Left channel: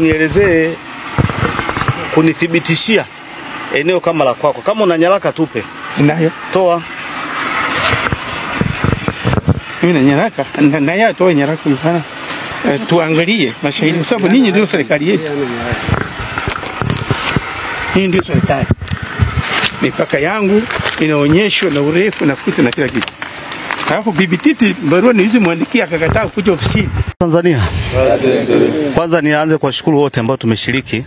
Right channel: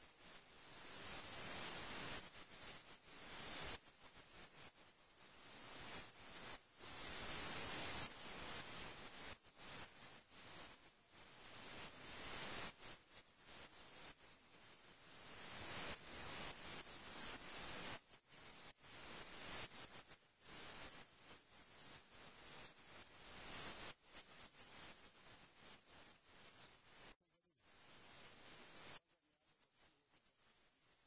unielezee kunithibitishia eneo kama la kwako. Kama una nyaraka tupe. Ninayo. Toa. Mimi na nyaraka. Ninayo toa nyaraka hapa. Tuangalie mashahidi kwa sababu ninyi ndio serikali yetu. Hii ndio serikali. Mipaka yangu inaonyeshwa na urefu na futi na kila kitu. Alafu Bibi Titi barua nilizomwandikia akakataa kuja ofisini. Tanzania. Kwanza nianze kwa shukuru wote ambao tumeshiriki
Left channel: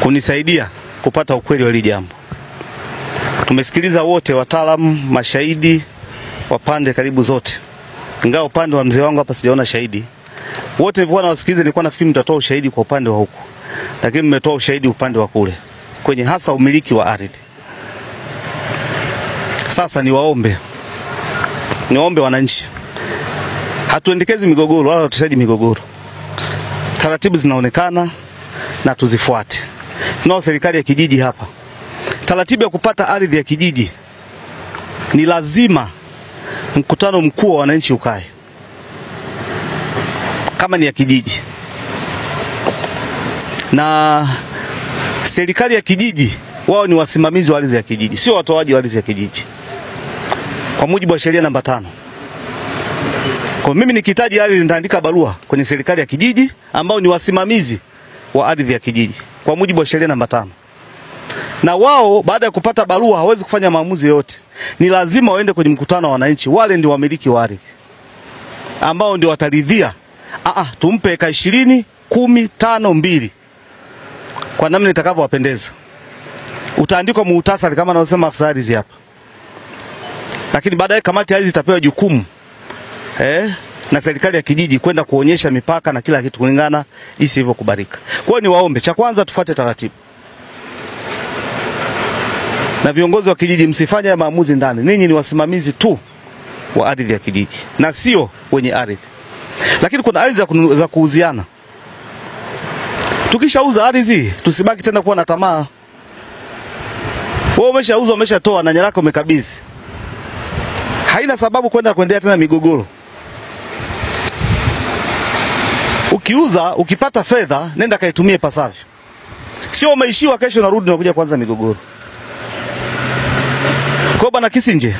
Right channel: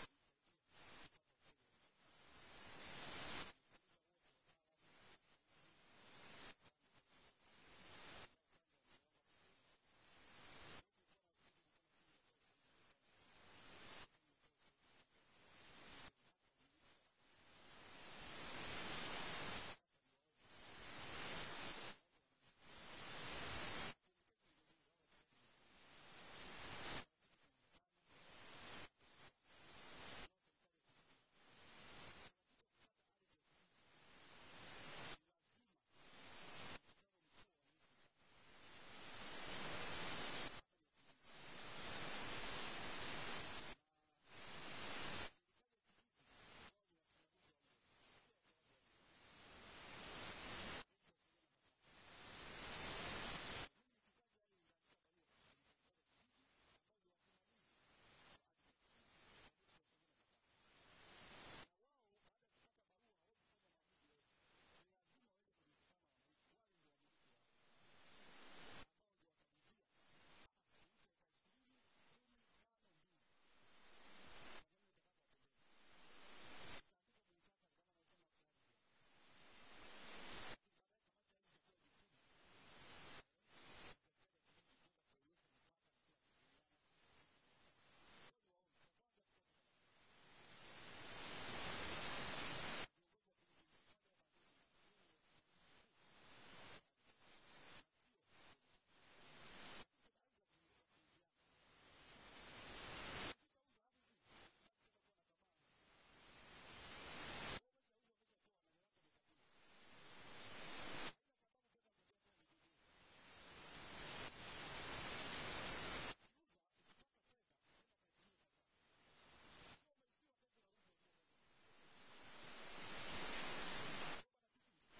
kunisaidia kupata ukweli wa hili jambo. Tumesikiliza wote, wataalamu, mashahidi, wapande karibu zote. Ingawa upande wa mzee wangu hapa sijaona shahidi. Wote nilikuwa nawasikiliza, nilikuwa nafikiri mtatoa ushahidi kwa upande wa huku. Lakini mmetoa ushahidi upande wa kule, kwenye hasa umiliki wa ardhi. Sasa niwaombe wananchi, hatuendekezi migogoro wala hatusaidi migogoro. Taratibu zinaonekana na tuzifuate. Tunao serikali ya kijiji hapa. Taratibu ya kupata ardhi ya kijiji ni lazima mkutano mkuu wa wananchi ukae. Kama ni ya kijiji. Na serikali ya kijiji wao ni wasimamizi wa ardhi ya kijiji, sio watoaji wa ardhi ya kijiji. Kwa mujibu wa sheria namba 5. Kwa mimi nikihitaji ardhi nitaandika barua kwenye serikali ya kijiji ambao ni wasimamizi wa ardhi ya kijiji kwa mujibu wa sheria namba 5. Na wao baada ya kupata barua hawezi kufanya maamuzi yote. Ni lazima waende kwenye mkutano wa wananchi, wale ndio wamiliki wa ardhi. Ambao ndio wataridhia. Tumpe eka 20, 10, 5, 2. Kwa namna itakavyowapendeza. Utaandikwa muhtasari kama anavyosema afisa ardhi hapa. Lakini baadaye kamati ya ardhi itapewa jukumu na serikali ya kijiji kwenda kuonyesha mipaka na kila kitu kulingana isivyokubalika. Kwa hiyo niwaombe, cha kwanza tufuate taratibu. Na viongozi wa kijiji msifanye maamuzi ndani. Ninyi ni wasimamizi tu wa ardhi ya kijiji na sio wenye ardhi. Lakini kuna ardhi za kuuziana. Tukishauza ardhi tusibaki tena kuwa na tamaa. Wewe umeshauza, umeshatoa na nyaraka umekabidhi. Haina sababu kuendelea tena migogoro. Ukiuza, ukipata fedha, nenda kaitumie pasavyo. Sio umeishiwa kesho narudi na kuja kuanza migogoro. Kwa bwana Kisinje,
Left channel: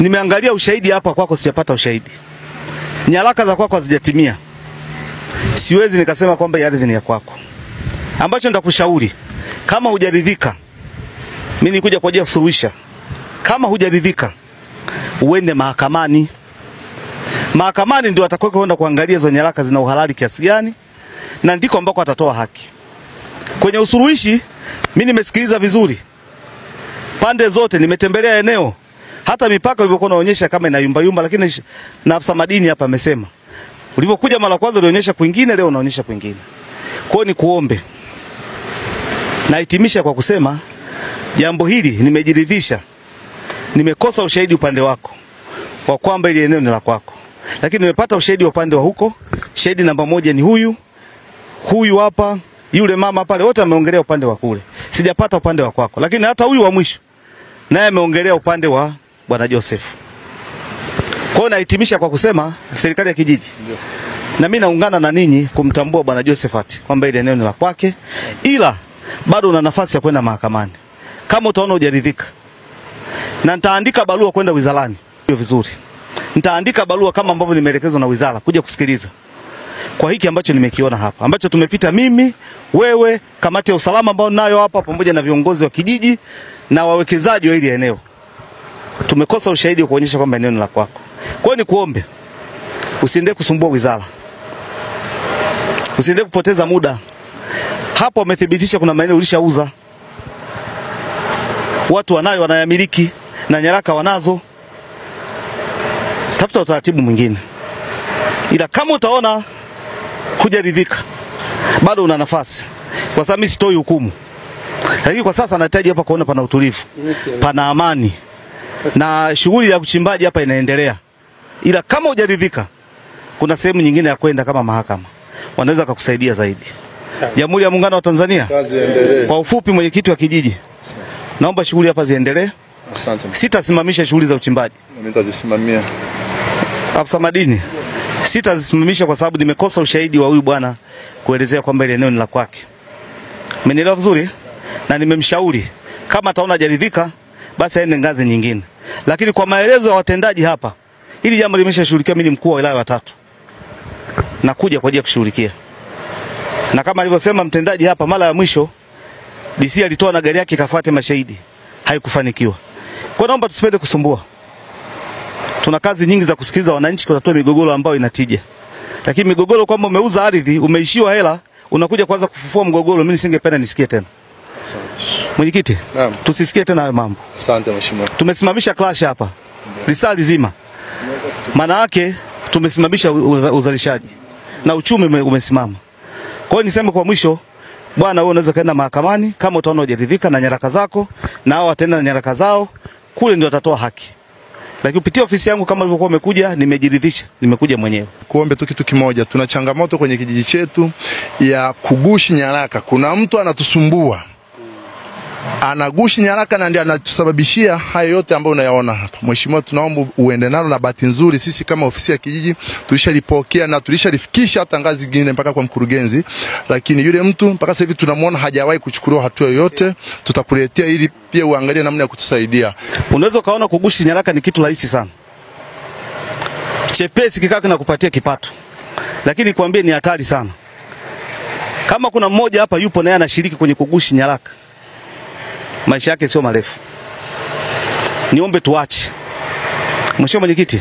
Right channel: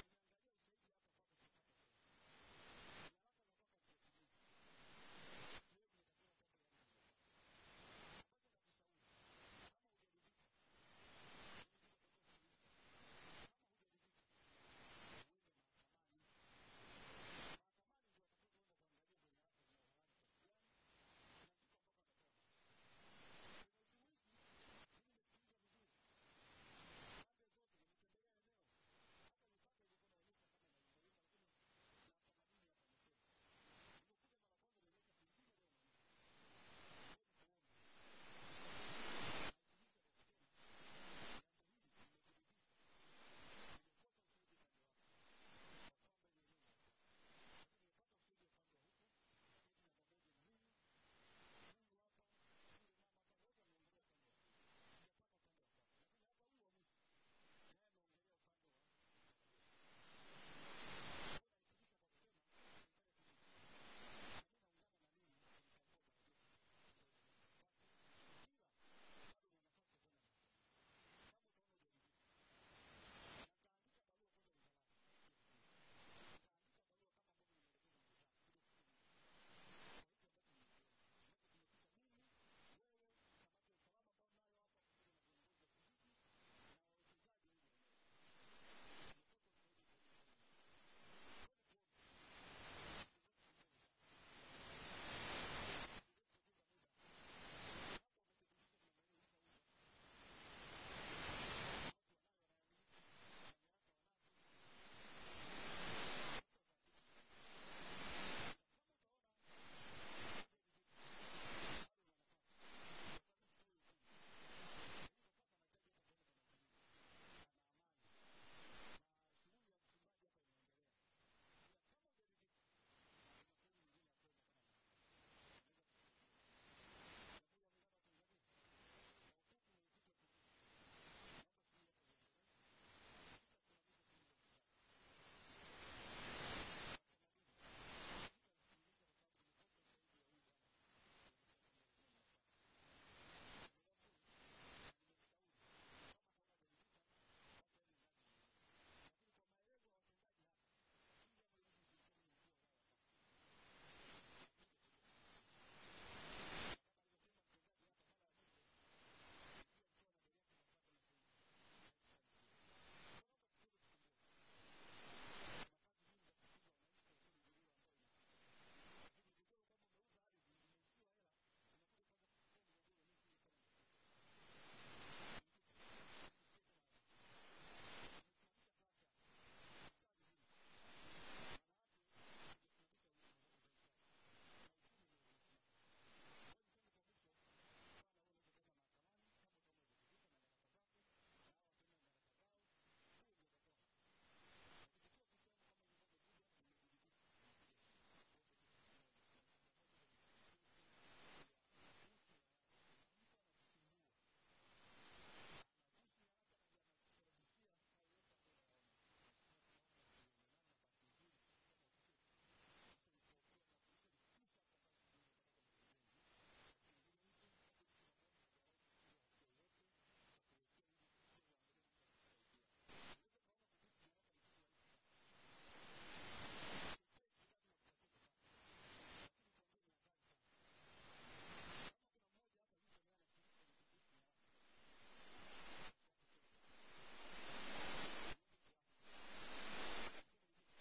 nimeangalia ushahidi hapa kwako, sijapata ushahidi. Nyaraka za kwako hazijatimia. Siwezi nikasema kwamba ardhi ni ya kwako. Ambacho nitakushauri, kama hujaridhika, mimi nikuja kwa ajili ya kusuluhisha. Kama hujaridhika, uende mahakamani. Mahakamani ndio atakwenda kwenda kuangalia hizo nyaraka zina uhalali kiasi gani, na ndiko ambako atatoa haki. Kwenye usuluhishi, mimi nimesikiliza vizuri pande zote, nimetembelea eneo. Hata mipaka ilivyokuwa inaonyesha kama ina yumba, lakini na afisa madini hapa amesema ulivyokuja mara kwanza ulionyesha kwingine, leo unaonyesha kwingine. Kwa hiyo ni kuombe. Nahitimisha kwa kusema jambo hili nimejiridhisha. Nimekosa ushahidi upande wako wa kwamba ile eneo ni la kwako. Lakini nimepata ushahidi upande wa huko. Shahidi namba 1 ni huyu hapa, yule mama pale, wote wameongelea upande wa kule. Sijapata upande wa kwako. Lakini hata huyu wa mwisho naye ameongelea upande wa Bwana Joseph. Kwa hiyo nahitimisha kwa kusema serikali ya kijiji. Na mimi naungana na ninyi kumtambua Bwana Josephat kwamba ile eneo ni la kwake, ila bado una nafasi ya kwenda mahakamani. Kama utaona hujaridhika. Na nitaandika barua kwenda wizarani. Hiyo vizuri. Nitaandika barua kama ambavyo nimeelekezwa na wizara kuja kusikiliza. Kwa hiki ambacho nimekiona hapa, ambacho tumepita mimi, wewe, kamati ya usalama ambao nayo hapa pamoja na viongozi wa kijiji na wawekezaji wa ile eneo. Tumekosa ushahidi wa kuonyesha kwamba eneo ni la kwako. Kwa hiyo nikuombe usiende kusumbua wizara. Usiende kupoteza muda. Hapo wamethibitisha kuna maeneo ulishauza. Watu wanayo, wanayamiliki na nyaraka wanazo. Tafuta utaratibu mwingine. Ila kama utaona hujaridhika, bado una nafasi. Kwa sababu mimi sitoi hukumu. Lakini kwa sasa nahitaji hapa kuona pana utulivu, pana amani. Na shughuli ya kuchimbaji hapa inaendelea. Ila kama hujaridhika, kuna sehemu nyingine ya kwenda kama mahakama. Wanaweza kukusaidia zaidi. Jamhuri ya Muungano wa Tanzania. Kazi iendelee. Kwa ufupi, mwenyekiti wa kijiji, naomba shughuli hapa ziendelee. Asante. Sitasimamisha shughuli za uchimbaji. Mimi nitazisimamia. Afisa madini, sitazisimamisha kwa sababu nimekosa ushahidi wa huyu bwana kuelezea kwamba ile eneo ni la kwake. Umenielewa vizuri? Na nimemshauri kama ataona hajaridhika basi aende ngazi nyingine. Lakini kwa maelezo ya watendaji hapa, hili jambo limeshashughulikiwa. Mimi ni mkuu wa wilaya wa 3. Nakuja kwa ajili ya kushughulikia. Na kama alivyosema mtendaji hapa, mara ya mwisho DC alitoa na gari yake kafuate mashahidi, haikufanikiwa. Kwa naomba tusipende kusumbua. Tuna kazi nyingi za kusikiza wananchi kutatua migogoro ambayo inatija. Lakini migogoro kwamba umeuza ardhi, umeishiwa hela, unakuja kwanza kufufua mgogoro, mimi nisingependa nisikie tena. Asante. Mwenyekiti, tusisikie tena hayo mambo. Asante mheshimiwa. Tumesimamisha clash hapa. Risali zima. Maana yake tumesimamisha uzalishaji na uchumi umesimama. Kwa hiyo niseme kwa mwisho, bwana wewe unaweza kaenda mahakamani kama utaona hujaridhika na nyaraka zako, na hao wataenda na nyaraka zao, kule ndio watatoa haki. Lakini kupitia ofisi yangu kama ulivyokuwa umekuja, nimejiridhisha, nimekuja mwenyewe. Kuombe tu kitu kimoja, tuna changamoto kwenye kijiji chetu ya kugushi nyaraka. Kuna mtu anatusumbua, anagushi nyaraka na ndiye anatusababishia hayo yote ambayo unayaona hapa. Mheshimiwa, tunaomba uende nalo, na bahati nzuri sisi kama ofisi ya kijiji tulishalipokea na tulishalifikisha hata ngazi nyingine mpaka kwa mkurugenzi, lakini yule mtu mpaka sasa hivi tunamuona hajawahi kuchukuliwa hatua yoyote. Tutakuletea ili pia uangalie namna ya kutusaidia. Unaweza kaona kugushi nyaraka ni kitu rahisi sana, chepesi, kikaa kinakupatia kipato, lakini nikwambie ni hatari sana. Kama kuna mmoja hapa yupo naye anashiriki kwenye kugushi nyaraka, maisha yake sio marefu. Niombe tuache. Mheshimiwa Mwenyekiti,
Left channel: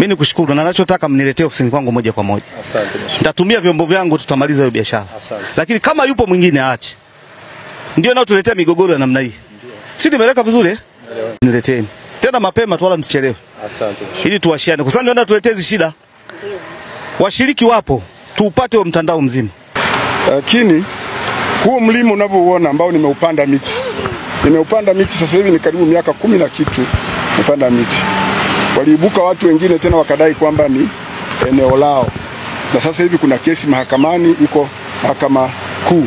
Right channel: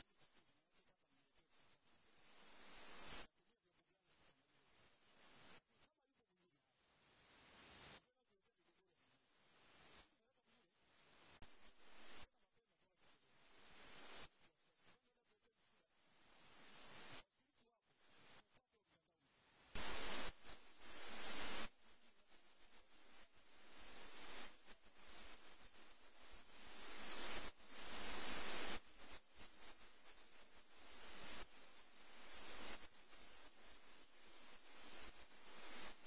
mimi nikushukuru na ninachotaka mniletee ofisini kwangu moja kwa moja. Asante mheshimiwa. Nitatumia vyombo vyangu, tutamaliza hiyo biashara. Lakini kama yupo mwingine aache. Ndio nao tuletea migogoro ya namna hii. Si nimeleka vizuri eh? Nileteni. Tena mapema tu, wala msichelewe. Asante. Ili tuwashiane. Kwa sababu ndio tuletee hizi shida. Washiriki wapo, tuupate wa mtandao mzima. Lakini huo mlima unavyouona ambao nimeupanda miti. Nimeupanda miti sasa hivi ni karibu miaka 10 na kitu nimepanda miti. Waliibuka watu wengine tena wakadai kwamba ni eneo lao. Na sasa hivi kuna kesi mahakamani, iko mahakama kuu,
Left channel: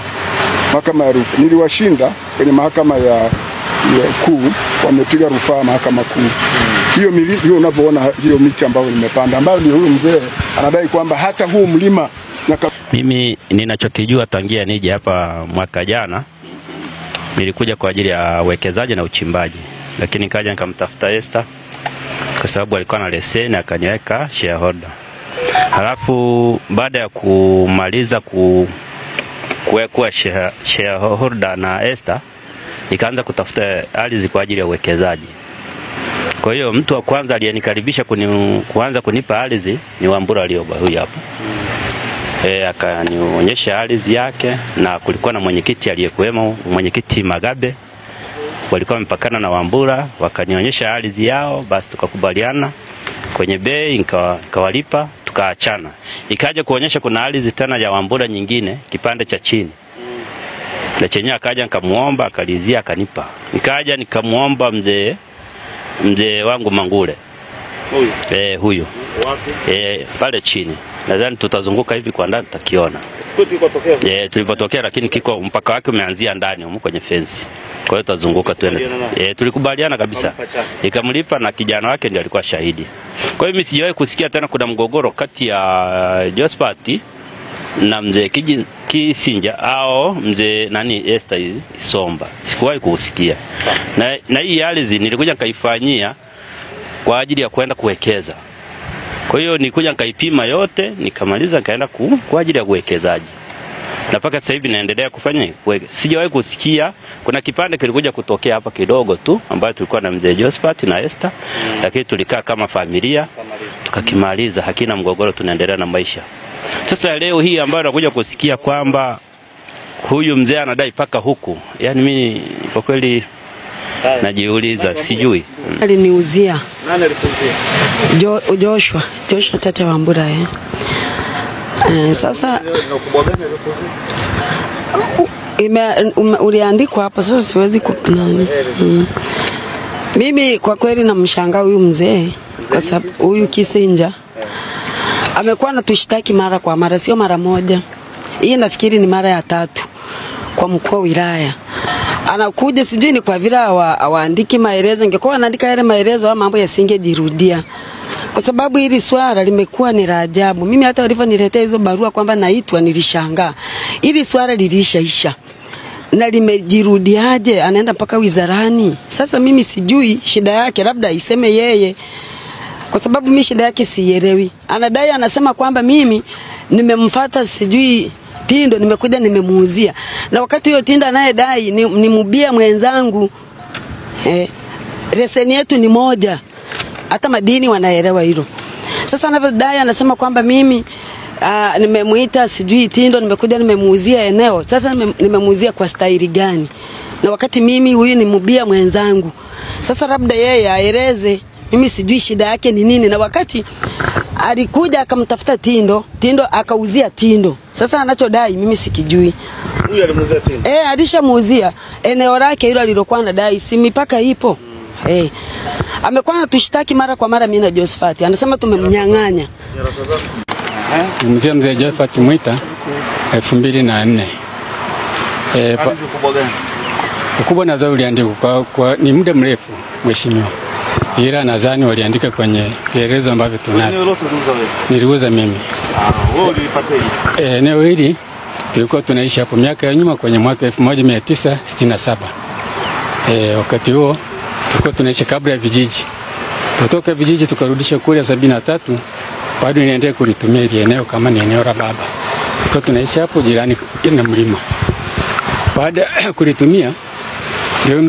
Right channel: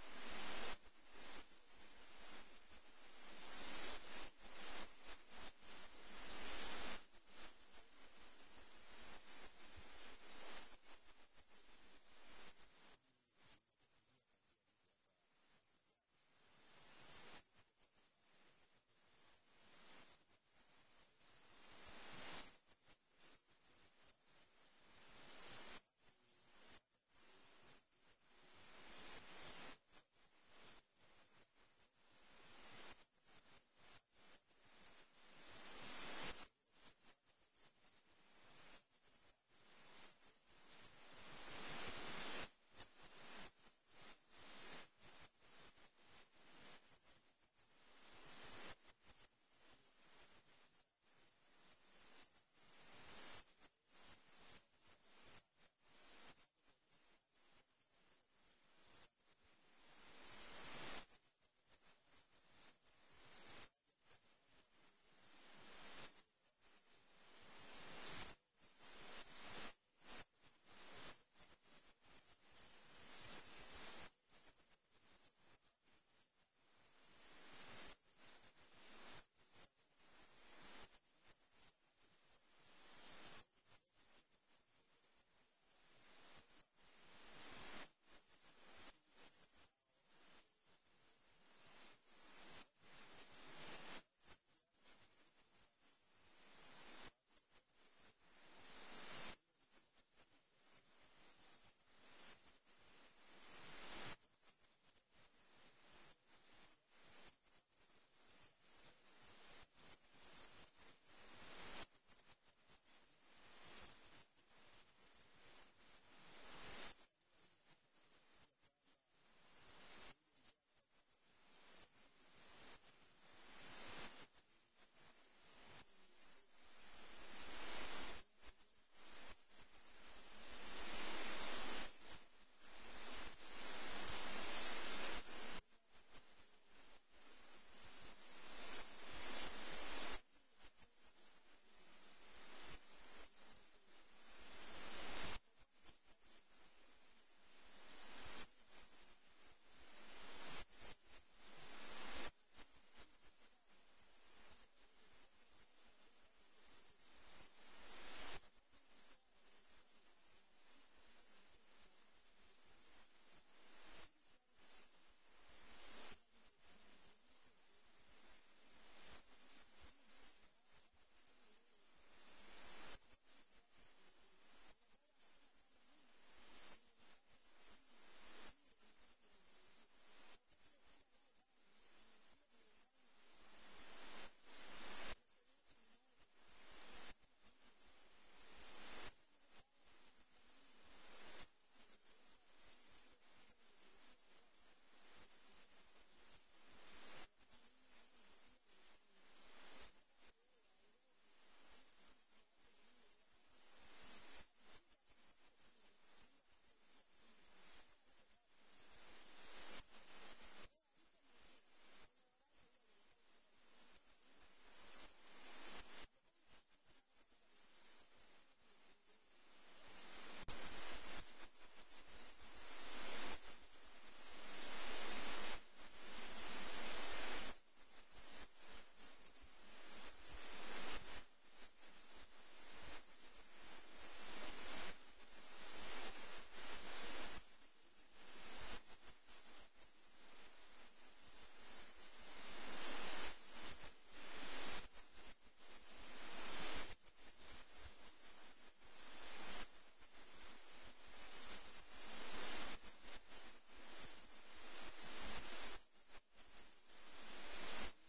mahakama ya rufaa. Niliwashinda kwenye mahakama ya kuu, wamepiga rufaa mahakama kuu. Hiyo unavyoona hiyo miti ambayo nimepanda, ambayo ndio huyu mzee anadai kwamba hata huu mlima mimi ninachokijua tangia nije hapa mwaka jana, nilikuja kwa ajili ya uwekezaji na uchimbaji, lakini kaja nikamtafuta Esther kwa sababu alikuwa na leseni, akaniweka shareholder. Halafu baada ya kumaliza kuwekwa shareholder na Esther, nikaanza kutafuta ardhi kwa ajili ya uwekezaji. Kwa hiyo mtu wa kwanza aliyenikaribisha kuanza kunipa ardhi ni Wambura Lioba, huyu hapa. Akanionyesha ardhi yake, na kulikuwa na mwenyekiti aliyekuwemo, mwenyekiti Magabe, walikuwa mpakana na Wambura, wakanionyesha ardhi yao, basi tukakubaliana kwenye bei, nikawalipa, tukaachana. Ikaja kuonyesha kuna ardhi tena ya Wambura nyingine kipande cha chini. Na chenye akaja nikamuomba, akalizia, akanipa. Nikaja nikamuomba mzee wangu Mangule. Huyu. Huyu. Wapi? Pale chini. Nadhani tutazunguka hivi kwa ndani tutakiona. Tulipotokea, lakini kiko mpaka wake umeanzia ndani huko kwenye fence. Kwa hiyo tutazunguka tuende. Tulikubaliana kabisa. Nikamlipa na kijana wake ndiye alikuwa shahidi. Kwa hiyo mimi sijawahi kusikia tena kuna mgogoro kati ya Josephat na mzee Kisinja au mzee Esther Isomba. Sikuwahi kusikia. Na hii ardhi nilikuja nikaifanyia kwa ajili ya kwenda kuwekeza. Kwa hiyo nilikuja nikaipima yote, nikamaliza nikaenda kwa ajili ya uwekezaji. Na mpaka sasa hivi naendelea kufanya. Sijawahi kusikia kuna kipande kilikuja kutokea hapa kidogo tu ambayo tulikuwa na mzee Josephat na Esther, lakini tulikaa kama familia tukakimaliza, hakina mgogoro, tunaendelea na maisha. Sasa leo hii ambayo nakuja kusikia kwamba huyu mzee anadai paka huku, yani mimi kwa kweli najiuliza, sijui. Aliniuzia. Nani alikuzia? Joshua Tata Wambura. Sasa uliandikwa hapa, sasa siwezi kunani. Mimi kwa kweli namshangaa huyu mzee, kwa sababu huyu Kisinja amekuwa anatushtaki mara kwa mara, sio mara moja. Hii nafikiri ni mara ya 3 kwa mkuu wa wilaya. Anakuja, sijui ni kwa vile hawaandiki maelezo. Ingekuwa anaandika yale maelezo, mambo yasingejirudia. kwa sababu hili swala limekuwa ni la ajabu. Mimi hata walivyoniletea hizo barua kwamba naitwa nilishangaa. Hili swala lilishaisha na limejirudiaje, anaenda mpaka wizarani. Sasa mimi sijui shida yake, labda iseme yeye, kwa sababu mimi shida yake sielewi. Anadai anasema kwamba mimi nimemfuata sijui tindo, nimekuja nimemuuzia, na wakati hiyo tinda anayedai ni mubia mwenzangu. Leseni yetu ni moja, hata madini wanaelewa hilo. Sasa anavyodai anasema kwamba mimi nimemuita sijui tindo, nimekuja nimemuuzia eneo. Sasa nimemuuzia kwa staili gani, na wakati mimi huyu ni mubia mwenzangu? Sasa labda yeye aeleze, mimi sijui shida yake ni nini. Na wakati alikuja akamtafuta tindo akauzia tindo. Sasa anachodai mimi sikijui. Huyu alimuuzia tindo? Alishamuuzia eneo lake hilo alilokuwa anadai, si mipaka ipo. Amekuwa anatushtaki mara kwa mara mimi na Josephat. Anasema tumemnyang'anya. Mzee Josephat Mwita 2004. Kazi kubwa gani? Ukubwa nadhani uliandikwa kwa ni muda mrefu mheshimiwa. Ila nadhani waliandika kwenye kielezo ambavyo tunavyo. Eneo lote uliuza wewe? Niliuza mimi. Wewe ulipataje? Eneo hili tulikuwa tunaishi hapo miaka ya nyuma kwenye mwaka 1967. Wakati huo tulikuwa tunaishi kabla ya vijiji. Kutoka vijiji tukarudisha kule 73, bado niendelee kulitumia ile eneo kama ni eneo la baba. Tulikuwa tunaishi hapo jirani na mlima. Baada kulitumia ndio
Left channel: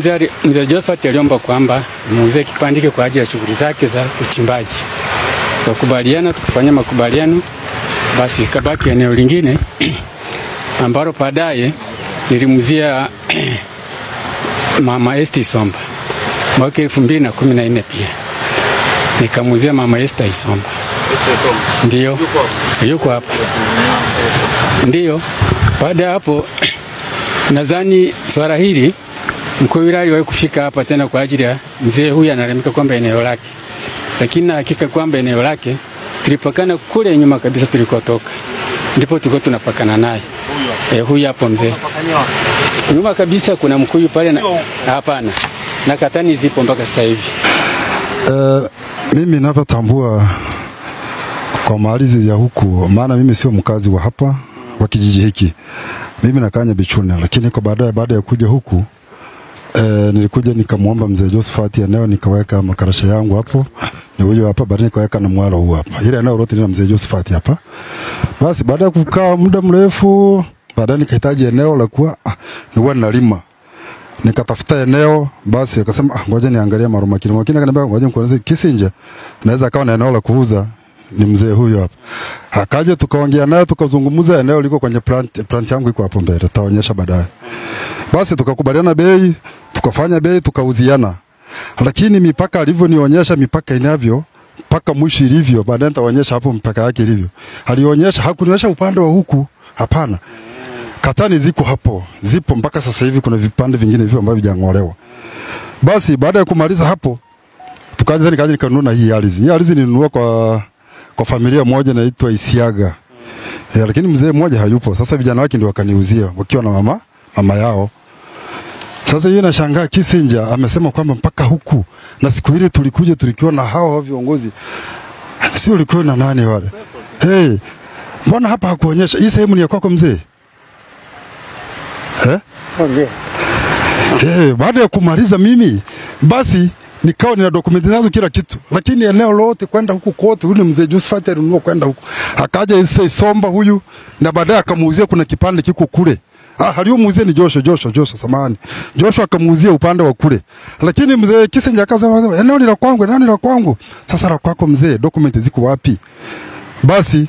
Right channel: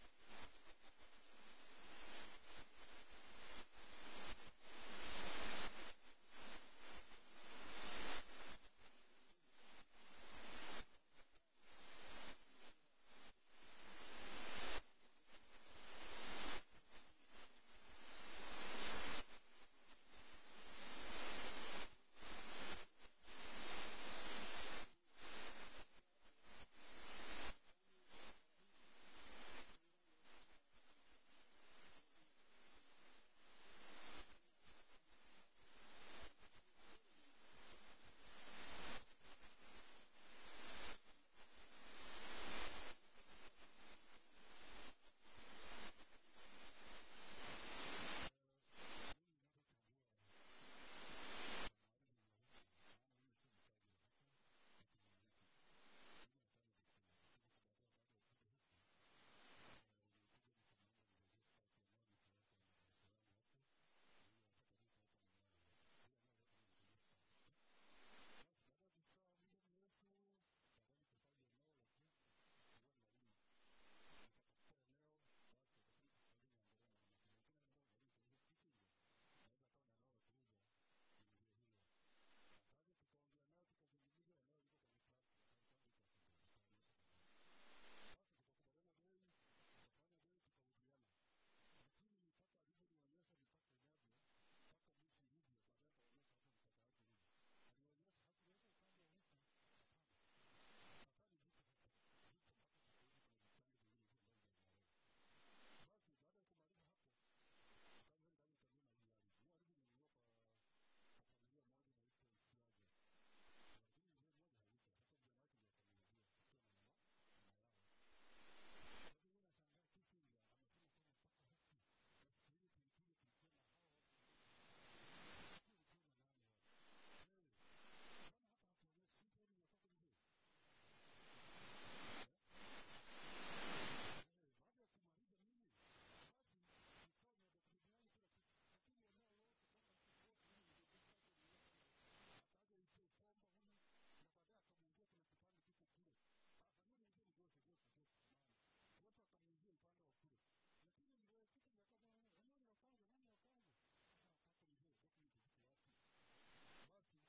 mzee Josephat aliomba kwamba muuze kipandike kwa ajili ya shughuli zake za uchimbaji. Tukakubaliana, tukafanya makubaliano, basi kabaki eneo lingine ambalo baadaye nilimuzia Mama Esther Isomba mwaka 2014 pia. Nikamuzia Mama Esther Isomba. Ndio. Yuko hapa. Ndio. Baada hapo nadhani swala hili mkuu wa wilaya aliwahi kufika hapa tena kwa ajili ya mzee huyu analemeka kwamba eneo lake. Lakini na hakika kwamba eneo lake tulipakana kule nyuma kabisa tulikotoka. Ndipo tulikuwa tunapakana naye. Huyu hapo mzee. Nyuma kabisa kuna mkuyu pale na hapana. Na katani zipo mpaka sasa hivi. Mimi ninapotambua kwa malizi ya huku, maana mimi sio mkazi wa hapa wa kijiji hiki. Mimi nakaa Nyabichune, lakini kwa baada ya kuja huku nilikuja nikamuomba mzee Josephat eneo, nikaweka makarasha yangu hapo. Ni huyo hapa, baadaye nikaweka na mwalo huu hapa. Ile eneo lote ni mzee Josephat hapa. Basi baada ya kukaa muda mrefu, baadaye nikahitaji eneo la kuwa niwe nalima. Nikatafuta eneo, basi akasema ngoja niangalie Marumakini. Makini akaniambia ngoja nikueleze Kisinja naweza akawa na eneo la kuuza, ni mzee huyo hapa. Akaja tukaongea naye, tukazungumza, eneo liko kwenye plant yangu iko hapo mbele, taonyesha baadaye. Basi tukakubaliana bei, tukafanya bei, tukauziana. Lakini mipaka alivyonionyesha mipaka inavyo, mpaka mwisho ilivyo, baadaye nitaonyesha hapo mpaka yake ilivyo. Alionyesha, hakunionyesha upande wa huku, hapana. Katani ziko hapo, zipo mpaka sasa hivi, kuna vipande vingine hivyo ambavyo vijang'olewa. Basi baada ya kumaliza hapo, tukaja nikanunua hii ardhi. Hii ardhi nilinunua kwa familia moja inaitwa Isiaga. Lakini mzee mmoja hayupo. Sasa vijana wake ndio wakaniuzia wakiwa na mama yao. Sasa yeye nashangaa Kisinja amesema kwamba mpaka huku, na siku ile tulikuja tulikiwa na hao viongozi. Sio ulikuwa na nani wale? Mbona hapa hakuonyesha hii sehemu ni ya kwako mzee? Baada ya kumaliza mimi, basi nikawa nina dokumenti nazo kila kitu, lakini eneo lote kwenda huku kote yule mzee Josephat alinunua kwenda huku. Akaja Isomba huyu, na baadaye akamuuzia kuna kipande kiko kule. Aliyomuuzia ni Joshua samani. Joshua akamuuzia upande wa kule. Lakini mzee Kisinja akasema eneo ni la kwangu, eneo ni la kwangu. Sasa la kwako mzee, dokumenti ziko wapi? Basi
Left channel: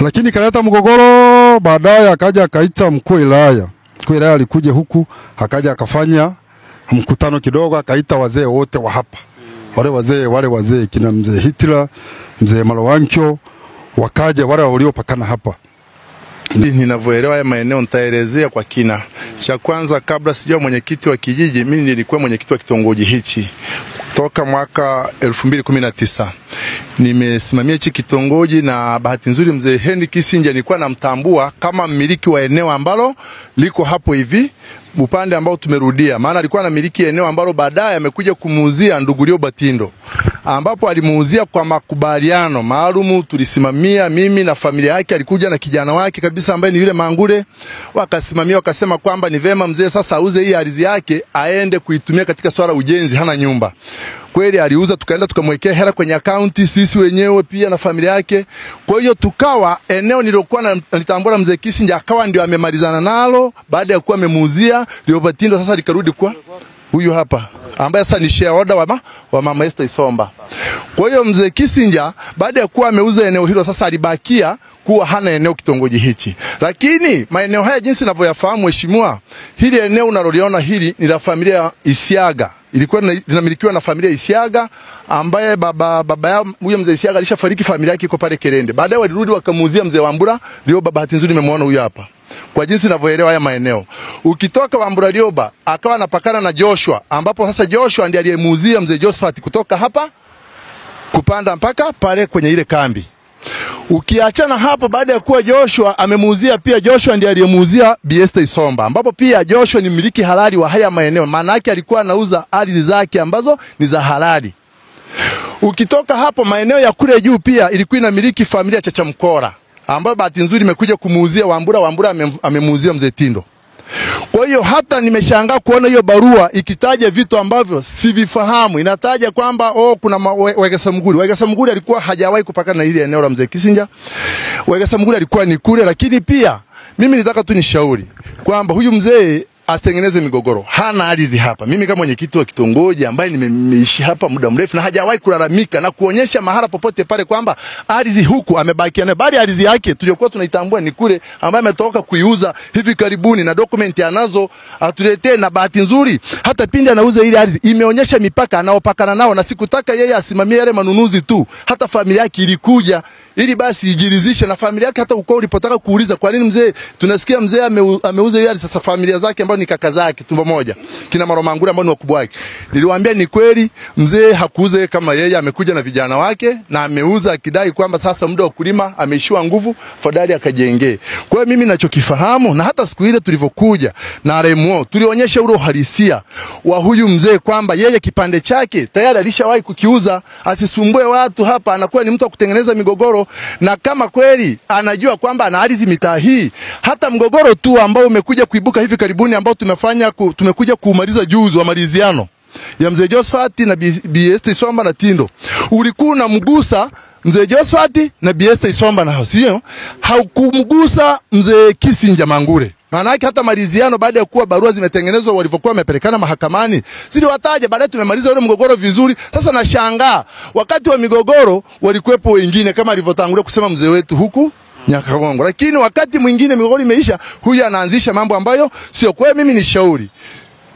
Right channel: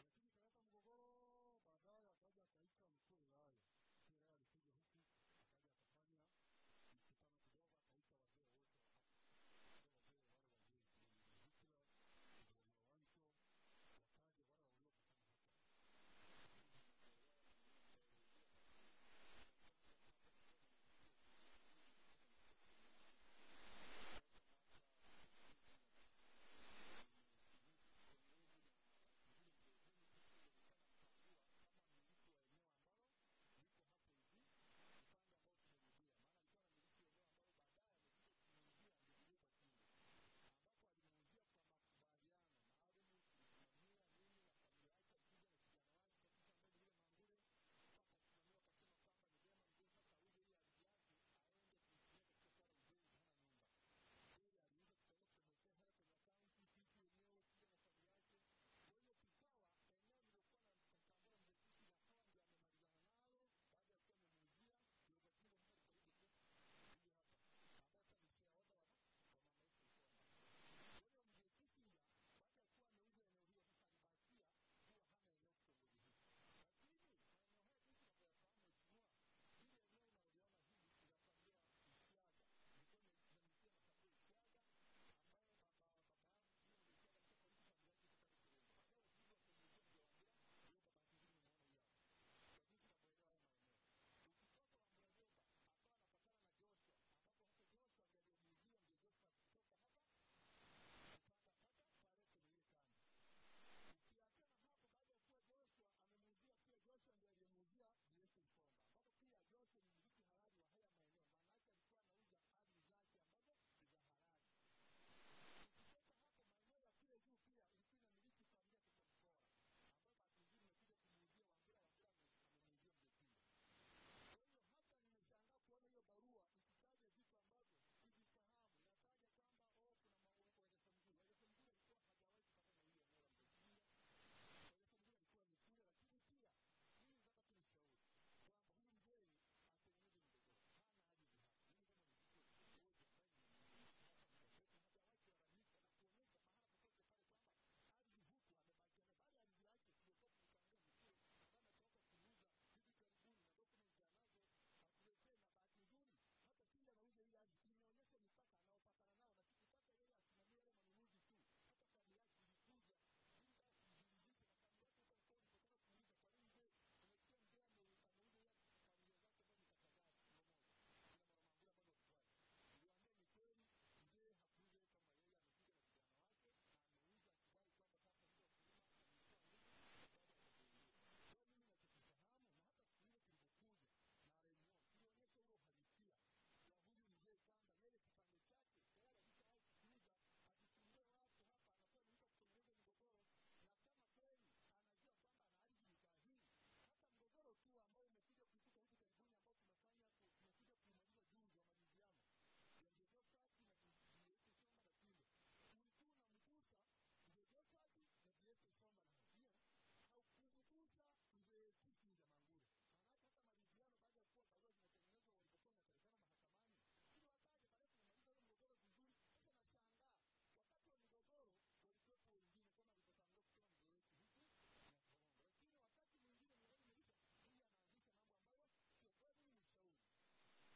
lakini kaleta mgogoro, baadaye akaja akaita mkuu wa wilaya. Mkuu wa wilaya alikuja huku, akaja akafanya mkutano kidogo, akaita wazee wote wa hapa. Wale wazee kina mzee Hitler, mzee Malawankyo, wakaja wale waliopakana hapa. Ninavyoelewa haya maeneo nitaelezea kwa kina. Cha kwanza, kabla sijao mwenyekiti wa kijiji, mimi nilikuwa mwenyekiti wa kitongoji hichi toka mwaka 2019. Nimesimamia hichi kitongoji, na bahati nzuri mzee Henry Kisinja nilikuwa namtambua kama mmiliki wa eneo ambalo liko hapo hivi upande ambao tumerudia, maana alikuwa anamiliki eneo ambalo baadaye amekuja kumuuzia ndugu Rioba Tindo, ambapo alimuuzia kwa makubaliano maalum. Tulisimamia mimi na familia yake, alikuja na kijana wake kabisa ambaye ni yule Mangure, wakasimamia wakasema kwamba ni vema mzee sasa auze hii ardhi yake aende kuitumia katika swala ujenzi, hana nyumba. Kweli aliuza, tukaenda tukamwekea hela kwenye akaunti sisi wenyewe pia na familia yake. Kwa hiyo tukawa eneo nilokuwa nalitambua mzee Kisinja akawa ndio amemalizana nalo baada ya kuwa amemuuzia Rioba Tindo. Sasa likarudi kwa huyu hapa ambaye sasa ni shareholder wa mama Esther Isomba. Kwa hiyo mzee Kisinja baada ya kuwa ameuza eneo hilo sasa alibakia kuwa hana eneo kitongoji hichi. Lakini maeneo haya jinsi ninavyoyafahamu mheshimiwa, hili eneo unaloliona hili ni la familia Isiaga. Ilikuwa linamilikiwa na familia Isiaga ambaye baba yao huyo mzee Isiaga alishafariki, familia yake iko pale Kerende. Baadaye walirudi wakamuuzia mzee Wambura Rioba. Bahati nzuri nimemwona huyu hapa. Kwa jinsi ninavyoelewa haya maeneo, ukitoka Wambura Rioba akawa anapakana na Joshua, ambapo sasa Joshua ndiye aliyemuuzia mzee Josephat kutoka hapa kupanda mpaka pale kwenye ile kambi. Ukiachana hapo, baada ya kuwa Joshua amemuuzia, pia Joshua ndiye aliyemuuzia Bi Esther Isomba, ambapo pia Joshua ni mmiliki halali wa haya maeneo. Maana yake alikuwa anauza ardhi zake ambazo ni za halali. Ukitoka hapo maeneo ya kule juu pia ilikuwa inamiliki familia Chacha Mkora, ambayo bahati nzuri imekuja kumuuzia Wambura amemuuzia mzee Tindo. Kwa hiyo hata nimeshangaa kuona hiyo barua ikitaja vitu ambavyo sivifahamu. Inataja kwamba kuna Wegesa Mguri. Wegesa Mguri alikuwa hajawahi kupakana na hili eneo la mzee Kisinja. Wegesa Mguri alikuwa ni kule, lakini pia mimi nitaka tu nishauri kwamba huyu mzee asitengeneze migogoro. Hana ardhi hapa. Mimi kama mwenyekiti wa kitongoji ambaye nimeishi hapa muda mrefu na hajawahi kulalamika na kuonyesha mahala popote pale kwamba ardhi huku amebakia nayo, bali ardhi yake tuliokuwa tunaitambua ni kule ambaye ametoka kuiuza hivi karibuni na dokumenti anazo atuletee. Na bahati nzuri hata pindi anauza ile ardhi imeonyesha mipaka anaopakana nao, na sikutaka yeye asimamie yale manunuzi tu, hata familia yake ilikuja ili basi ijiridhishe na familia yake. Hata ukoo ulipotaka kuuliza kwa nini mzee, tunasikia mzee ameuza ile ardhi, sasa familia zake ambao ni kaka zake tumbo moja kina Maromangura ambao ni wakubwa wake, niliwaambia ni kweli mzee hakuuza kama yeye, amekuja na vijana wake na ameuza akidai kwamba sasa muda wa kulima ameishiwa nguvu, fadhali akajengee. Kwa hiyo mimi ninachokifahamu, na hata siku ile tulivyokuja na RMO tulionyesha ule uhalisia wa huyu mzee kwamba yeye kipande chake tayari alishawahi kukiuza, asisumbue watu hapa, anakuwa ni mtu wa kutengeneza migogoro. Na kama kweli anajua kwamba ana ardhi mitaa hii, hata mgogoro tu ambao umekuja kuibuka hivi karibuni ambao tumekuja kumaliza juzi wa maliziano ya mzee Josephat na Bi Esther Isomba na Tindo, ulikuwa unamgusa mzee Josephat na Bi Esther Isomba na sio, haukumgusa mzee Kisinja Mangure. Maana yake hata maliziano baada ya kuwa barua zimetengenezwa walivyokuwa wamepelekana mahakamani siliwataja, baadaye tumemaliza ule mgogoro vizuri. Sasa nashangaa wakati wa migogoro walikuwepo wengine kama alivyotangulia kusema mzee wetu huku Nyakagongo, lakini wakati mwingine migogoro imeisha, huyu anaanzisha mambo ambayo sio. Kwa mimi ni shauri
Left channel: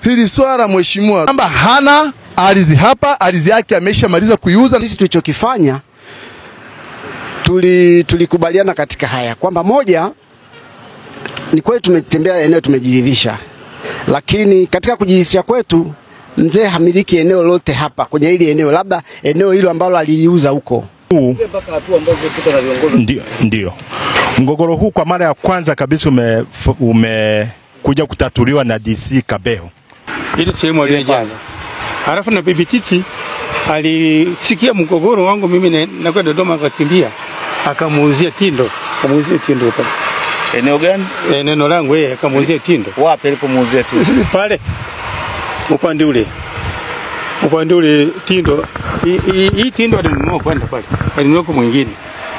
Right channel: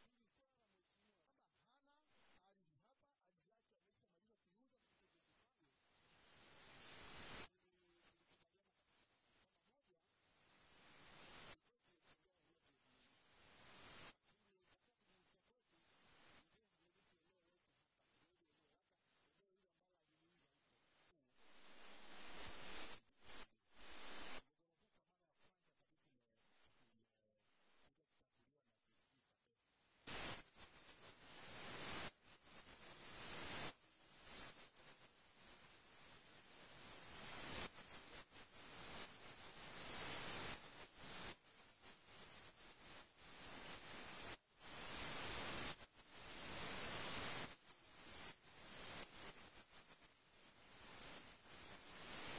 hili swala mheshimiwa kwamba hana ardhi hapa, ardhi yake ameshamaliza kuiuza. Sisi tulichokifanya tulikubaliana katika haya kwamba moja, ni kweli tumetembea eneo tumejiridhisha, lakini katika kujiridhisha kwetu mzee hamiliki eneo lote hapa kwenye hili eneo, labda eneo hilo ambalo aliliuza huko. Ndio. Mgogoro huu kwa mara ya kwanza kabisa umekuja kutatuliwa na DC Kabeho. Ile sehemu aliyojenga. Halafu na bibi Titi alisikia mgogoro wangu mimi na kwenda Dodoma, akakimbia akamuuzia Tindo. Akamuuzia Tindo pale. Eneo gani? Eneo langu yeye akamuuzia Tindo. Wapi alipomuuzia Tindo? Pale. Upande ule Tindo. Hii Tindo alinunua kwenda pale. Alinunua kwa mwingine.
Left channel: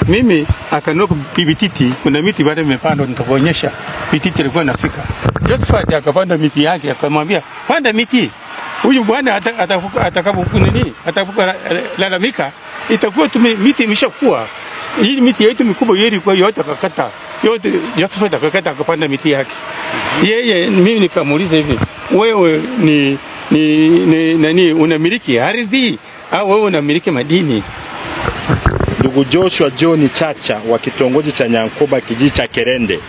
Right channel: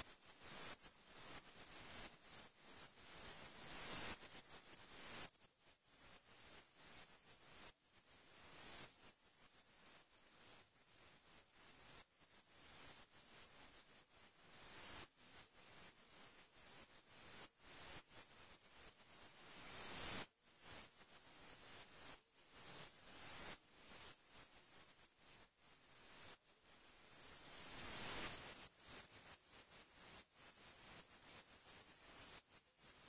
Mimi akanunua bibi Titi, kuna miti baada imepandwa nitakuonyesha. Bibi Titi alikuwa anafika. Josephat akapanda miti yake, akamwambia, "Panda miti. Huyu bwana atakapokuwa lalamika, itakuwa miti imeshakuwa. Hii miti yetu mikubwa yeye ilikuwa yote akakata. Yote Josephat akakata akapanda miti yake." Yeye mimi nikamuuliza hivi, "Wewe ni nani, unamiliki ardhi au wewe unamiliki madini?" Ndugu Joshua John Chacha wa kitongoji cha Nyankoba kijiji cha Kerende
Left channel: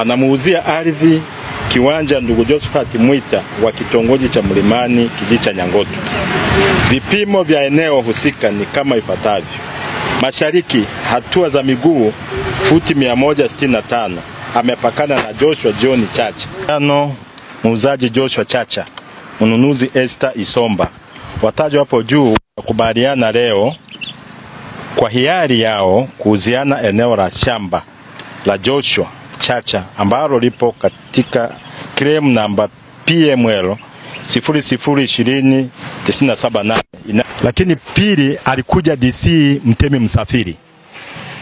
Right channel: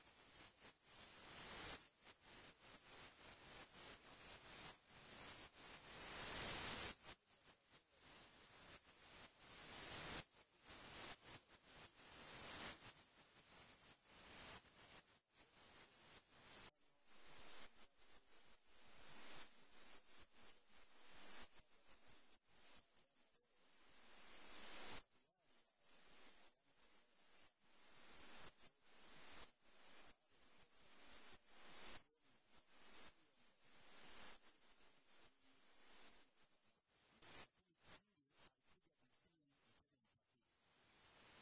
anamuuzia ardhi kiwanja ndugu Josephat Mwita wa kitongoji cha Mlimani kijiji cha Nyangoto. Vipimo vya eneo husika ni kama ifuatavyo: mashariki hatua za miguu futi 165, amepakana na Joshua John Chacha. muuzaji Joshua Chacha, mnunuzi Esther Isomba. Watajwa hapo juu wakubaliana leo kwa hiari yao kuuziana eneo la shamba la Joshua Chacha ambalo lipo katika claim namba PML 002097. Lakini pili alikuja DC Mtemi Msafiri.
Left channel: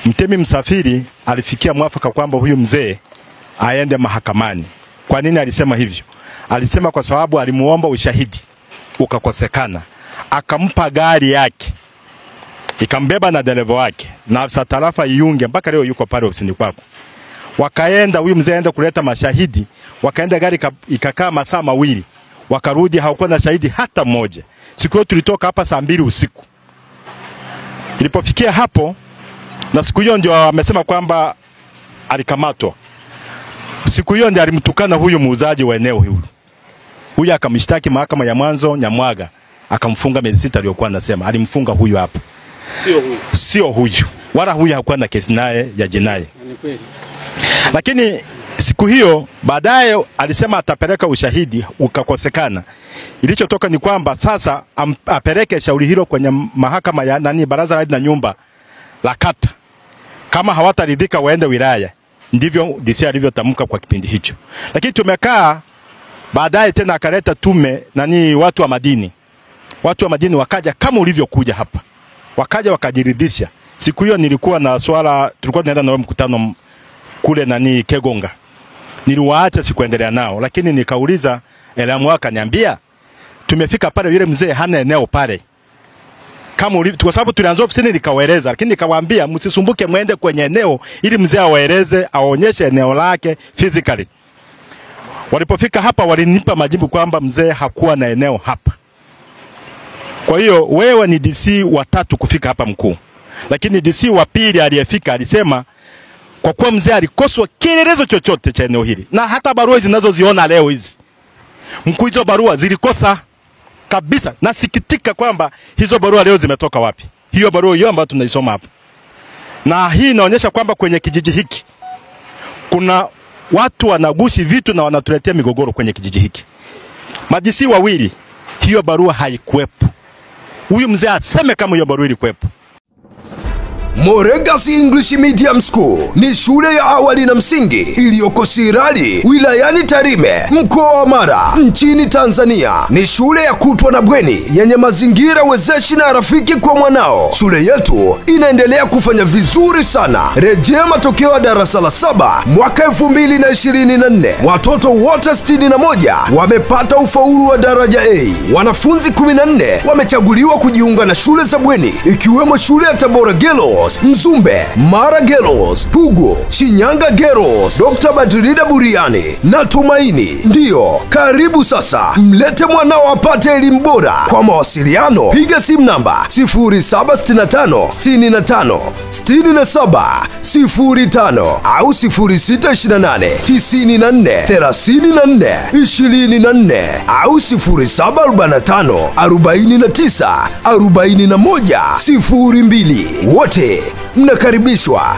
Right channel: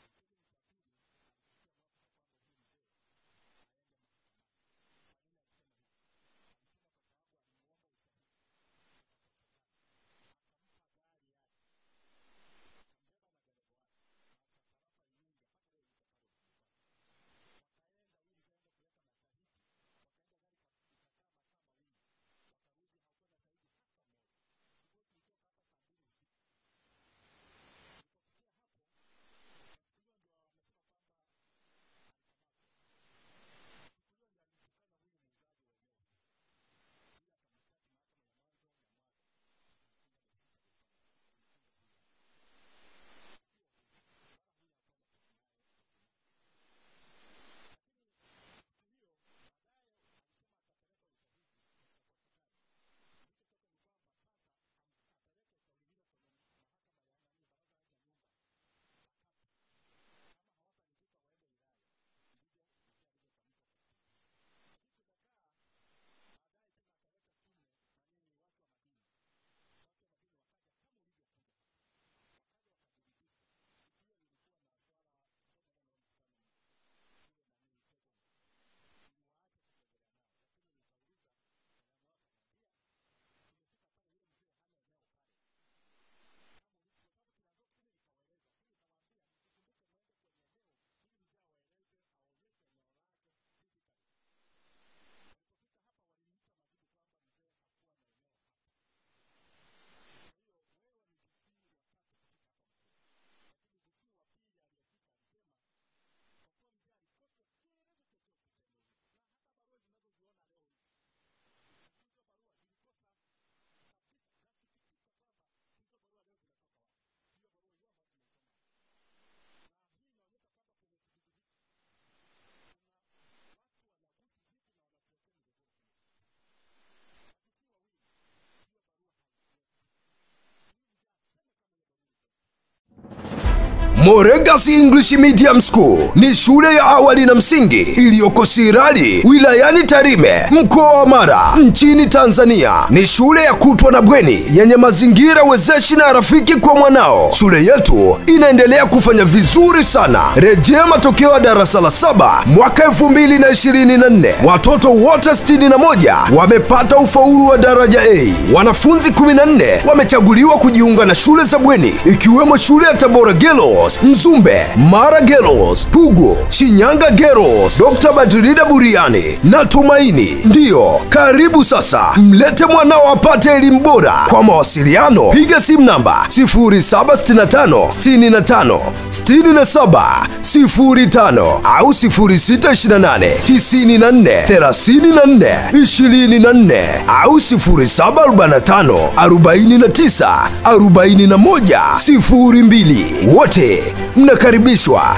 Mtemi Msafiri alifikia mwafaka kwamba huyu mzee aende mahakamani. Kwa nini alisema hivyo? Alisema kwa sababu alimuomba ushahidi ukakosekana. Akampa gari yake, ikambeba na dereva wake na afisa tarafa Iyunge, mpaka leo yuko pale ofisini kwako. Wakaenda, huyu mzee aenda kuleta mashahidi, wakaenda gari ikakaa masaa mawili. Wakarudi hakuwa na shahidi hata mmoja. Siku hiyo tulitoka hapa saa 2 usiku. Ilipofikia hapo, na siku hiyo ndio amesema kwamba alikamatwa. Siku hiyo ndio alimtukana huyu muuzaji wa eneo hilo. Huyu akamshtaki mahakama ya mwanzo Nyamwaga, akamfunga miezi 6 aliyokuwa anasema. Alimfunga huyu hapa. Sio huyu. Wala huyu hakuwa na kesi naye ya jinai. Lakini siku hiyo baadaye alisema atapeleka ushahidi ukakosekana. Ilichotoka ni kwamba sasa apeleke shauri hilo kwenye mahakama ya baraza la nyumba la kata. Kama hawataridhika waende wilaya. Ndivyo DC alivyotamka kwa kipindi hicho. Lakini tumekaa baadaye tena akaleta tume watu wa madini. Watu wa madini wakaja kama ulivyokuja hapa. Wakaja wakajiridhisha. Siku hiyo nilikuwa na swala, tulikuwa tunaenda na mkutano kule Kegonga. Niliwaacha sikuendelea nao, lakini nikauliza Elamu akaniambia tumefika pale yule mzee hana eneo pale. Kama ulivyo, kwa sababu tulianza ofisini nikawaeleza, lakini nikawaambia msisumbuke muende kwenye eneo ili mzee awaeleze, aonyeshe eneo lake physically. Walipofika hapa walinipa majibu kwamba mzee hakuwa na eneo hapa. Kwa hiyo wewe ni DC wa 3 kufika hapa mkuu. Lakini DC wa pili aliyefika alisema kwa kuwa mzee alikoswa kielelezo chochote cha eneo hili. Na hata barua zinazoziona leo hizi, mkuu, hizo barua zilikosa kabisa. Nasikitika kwamba hizo barua leo zimetoka wapi. Hiyo barua hiyo ambayo tunaisoma hapa. Na hii inaonyesha kwamba kwenye kijiji hiki kuna watu wanagushi vitu na wanatuletea migogoro kwenye kijiji hiki. Madisi wawili, hiyo barua haikuwepo. Huyu mzee aseme kama hiyo barua ilikuwepo. Moregas English Medium School ni shule ya awali na msingi iliyoko Sirari, wilayani Tarime, mkoa wa Mara, nchini Tanzania. Ni shule ya kutwa na bweni yenye mazingira wezeshi na rafiki kwa mwanao. Shule yetu inaendelea kufanya vizuri sana. Rejea matokeo ya darasa la 7 mwaka 2024. Watoto wote 61 wamepata ufaulu wa daraja A. Wanafunzi 14 wamechaguliwa kujiunga na shule za bweni, ikiwemo shule ya Tabora Girls, Mzumbe, Mara Girls, Pugu, Shinyanga Girls, Dr. Badrida Buriani na Tumaini. Ndiyo, karibu sasa. Mlete mwanao apate elimu bora. Kwa mawasiliano, piga simu namba 0765 65 67 05 au 0628 94 34 24 au 0745 49 41 02. Wote mnakaribishwa.